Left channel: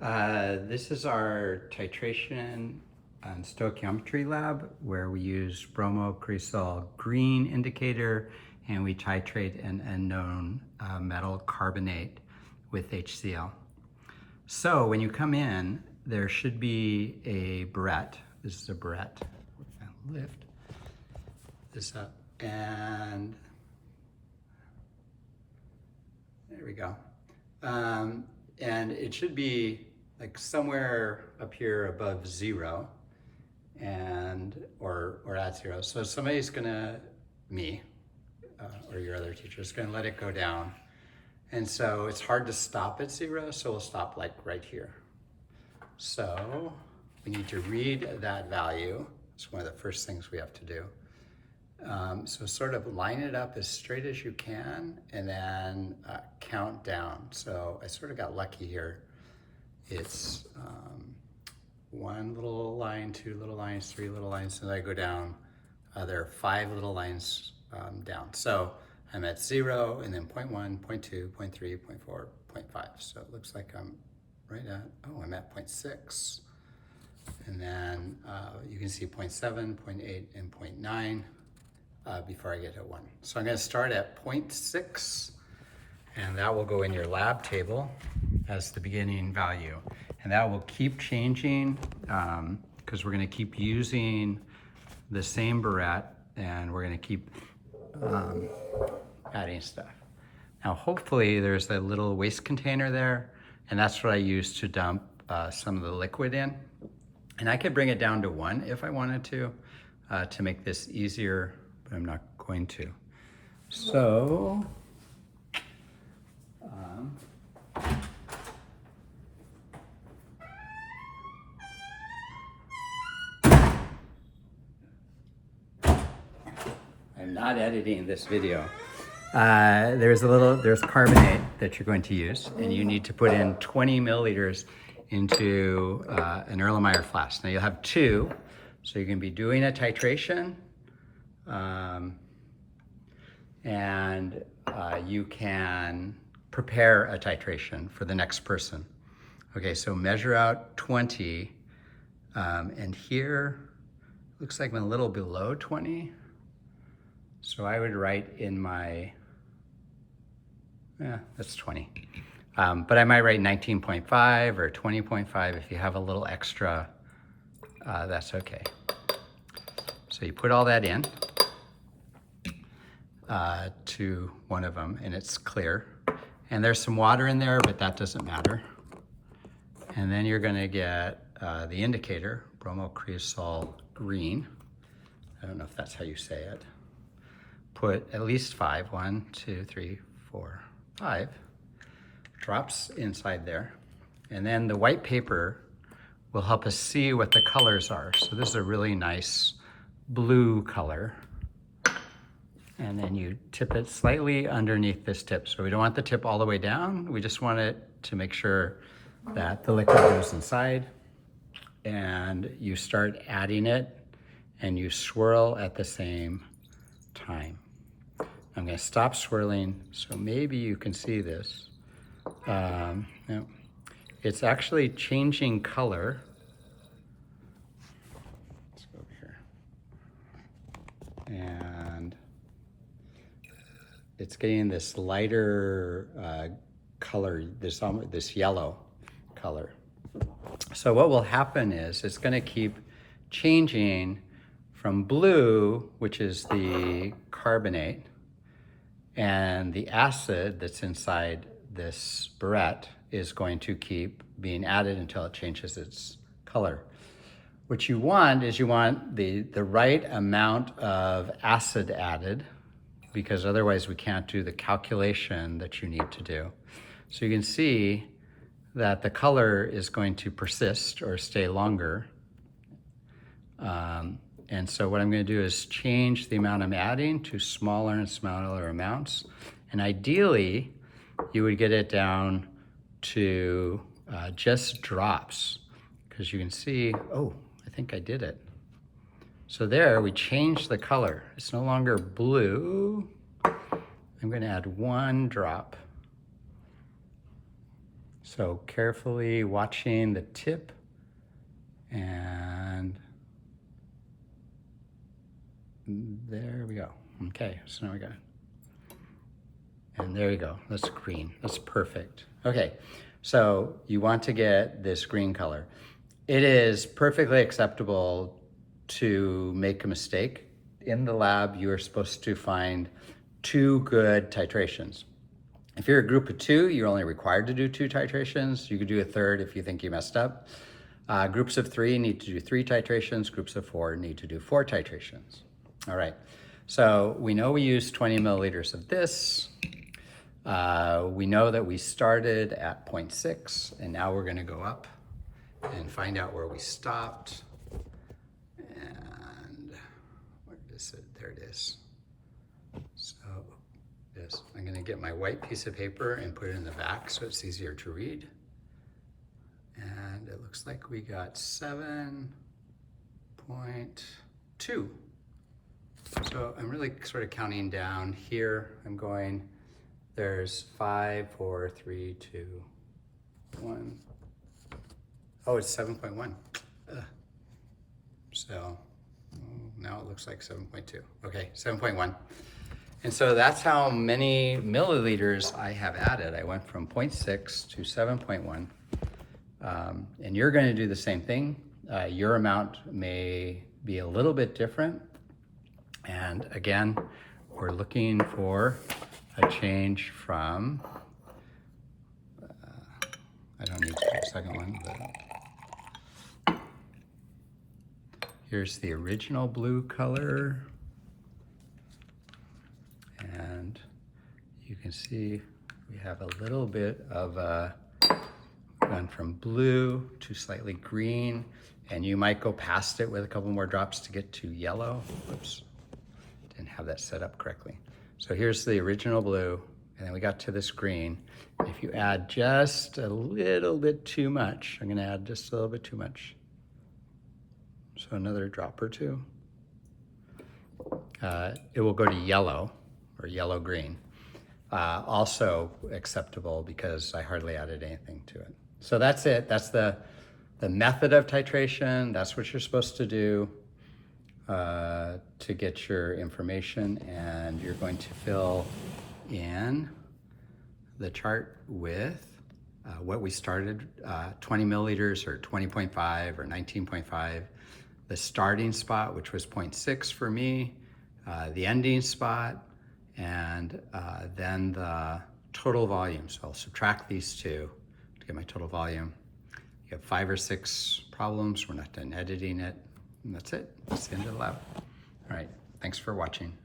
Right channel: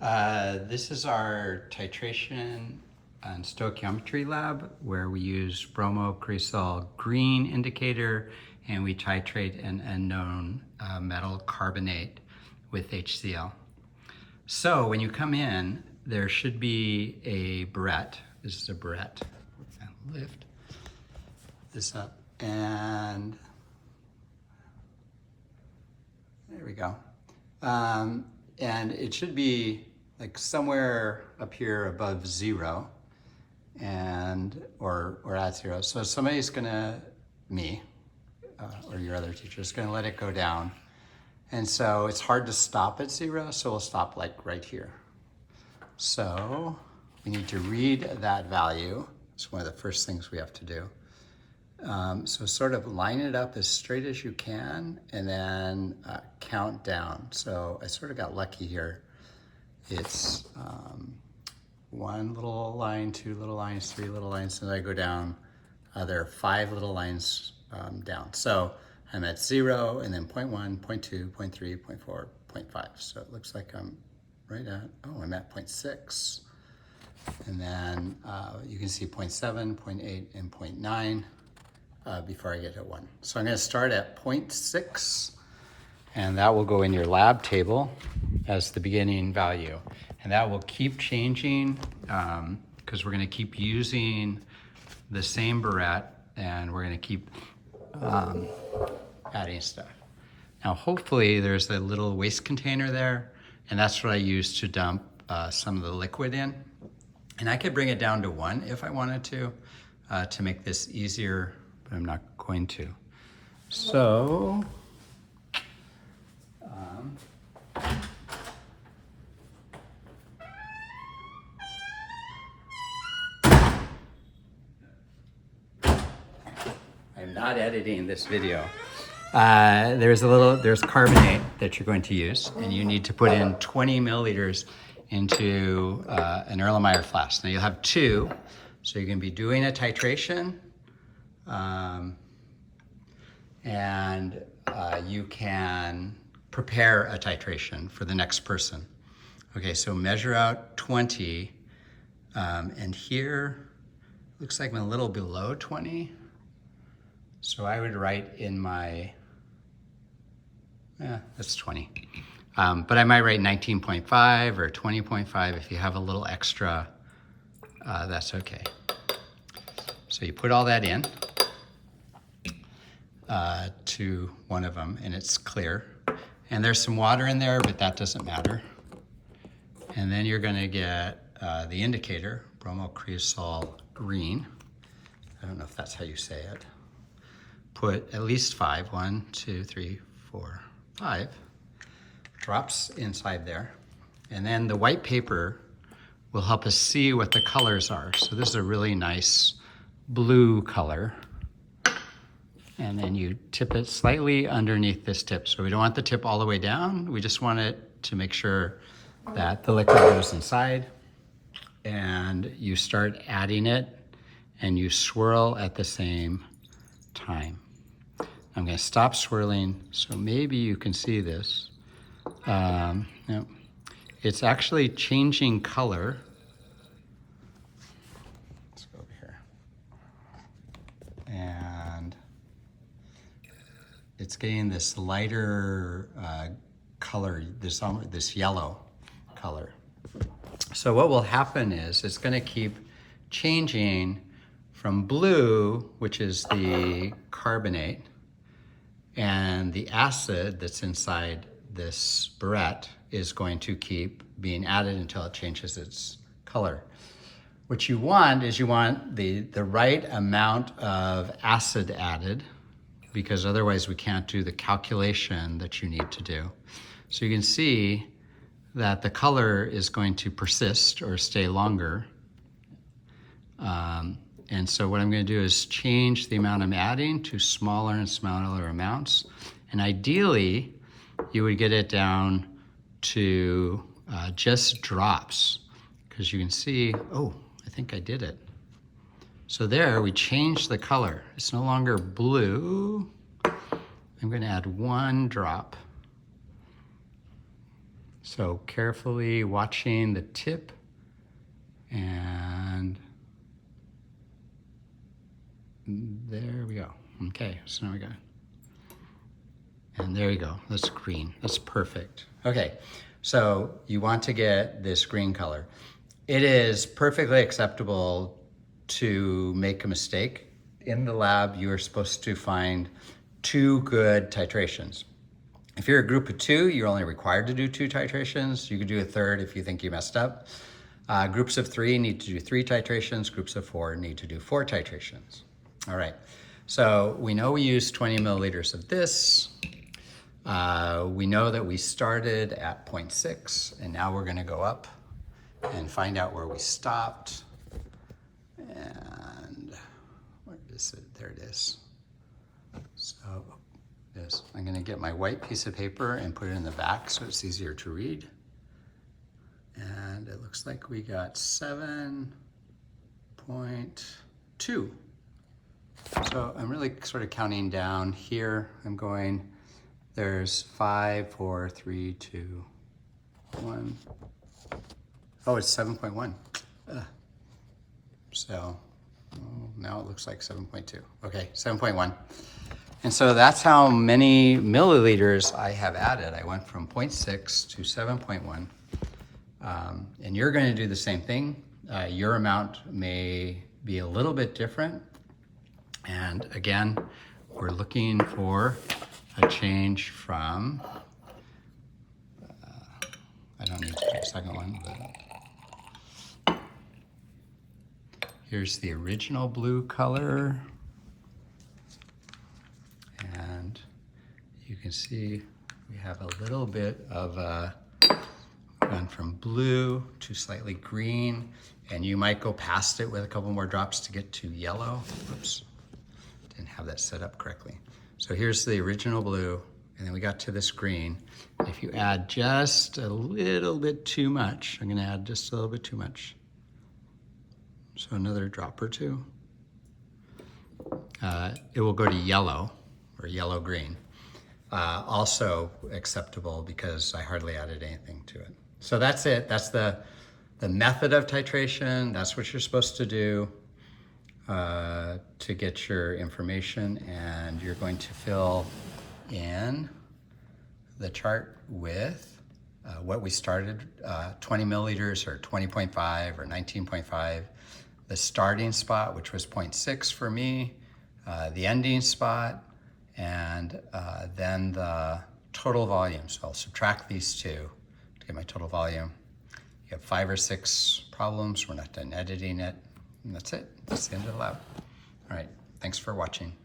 This is our titration and stoichiometry lab where we use bromocresol green indicator and we titrate an unknown metal carbonate with HCl. So when you come in, there should be a barrette. This is a barrette. We're gonna lift this up and there we go. And it should be like somewhere up here above 0 and or at 0. So somebody's gonna, me, or your other teacher is gonna let it go down. And so it's hard to stop at 0, so we'll stop like right here. So we need to read that value. It's one of the first things we have to do. So sort of line it up as straight as you can and then count down. So I sort of got lucky here. It's 1 little line, 2 little lines, 3 little lines, and then I go down. There are 5 little lines down. So I'm at 0 and then 0.1, 0.2, 0.3, 0.4, 0.5. So it looks like I'm right at, oh, I'm at 0.6. And then you can see 0.7, 0.8, and 0.9. Before I get to 1. So I'm going to start at 0.6 and that will go in your lab table as the beginning value. And that will keep changing because we're going to keep using the same barrette and we're going to keep adding stuff. Now hopefully there's a little waste container there and that's what I use to dump some of the liquid in. And I could bring it down to 1 if I wanted to make this easier. But I'm not going to. So, I'm not editing this video. There's carbonate that you're going to use, and you need to put in 20 milliliters into an Erlenmeyer flask. Now you'll have 2, so you can be doing a titration. And you can prepare a titration for the next person. Okay, so measure out 20, and here looks like I'm a little below 20. So I would write in my, that's 20. But I might write 19.5 or 20.5 if you have a little extra, that's okay. So you put all that in. To one of them and it's clear and there's some water in there but that doesn't matter. And then you're going to get the indicator, bromocresol green. I don't know if that's how you say it. Put at least 5, 1, 2, 3, 4, 5 drops inside there, and then the white paper will help us see what the colors are. So this is a really nice blue color. And then you tip it slightly underneath this tip. So we don't want the tip all the way down. We just want it to make sure that the liquid goes inside. And you start adding it and you swirl at the same time. I'm gonna stop swirling so maybe you can see this. No, it's actually changing color. Let's go over here. And it's getting this lighter color, this yellow color. So what will happen is it's going to keep changing from blue, which is the carbonate, and the acid that's inside this barrette is going to keep being added until it changes its color. What you want is you want the right amount of acid added, because otherwise we can't do the calculation that you need to do. So you can see that the color is going to persist or stay longer. And so what I'm going to do is change the amount I'm adding to smaller and smaller amounts. And ideally, you would get it down to just drops, because you can see, oh, I think I did it. So there, we changed the color. It's no longer blue. I'm going to add 1 drop. So carefully watching the tip, and there we go. Okay, so now we got it. And there you go, that's green, that's perfect. Okay, so you want to get this green color. It is perfectly acceptable to make a mistake. In the lab, you are supposed to find 2 good titrations. If you're a group of 2, you're only required to do 2 titrations. You could do a third if you think you messed up. Groups of 3 need to do 3 titrations. Groups of 4 need to do 4 titrations. All right, so we know we used 20 milliliters of this. We know that we started at 0.6, and now we're gonna go up and find out where we stopped. And where is it? There it is. So this, I'm gonna get my white piece of paper and put it in the back so it's easier to read. And it looks like we got 7.2. So I'm really sort of counting down here. I'm going, there's 5, 4, 3, 2, 1. Oh, it's 7.1. So now it looks like 7.2. Okay, 7.1. And so that's how many milliliters I have added. I went from 0.6 to 7.1. And you're going to do the same thing. Your amount may be a little bit different. And again, we're looking for a change from, I don't need to do the second one, but here's the original blue color. And you can see we have a little bit of gone from blue to slightly green, and you might go past it with a couple more drops to get to yellow. Whoops, didn't have that set up correctly. So here's the original blue, and then we got to this green. If you add just a little bit too much, I'm gonna add just a little bit too much. So another drop or 2. It will go to yellow, or yellow-green. Also acceptable because I hardly added anything to it. So that's it. That's the method of titration. That's what you're supposed to do to get your information. And you're going to fill in the chart with what we started, 20 milliliters or 20.5 or 19.5, the starting spot, which was 0.6 for me, the ending spot, and then the total volume. So I'll subtract these 2 to get my total volume. You have 5 or 6 problems. We're not done editing it. And that's it. That's the end of the lab. All right. Thanks for watching.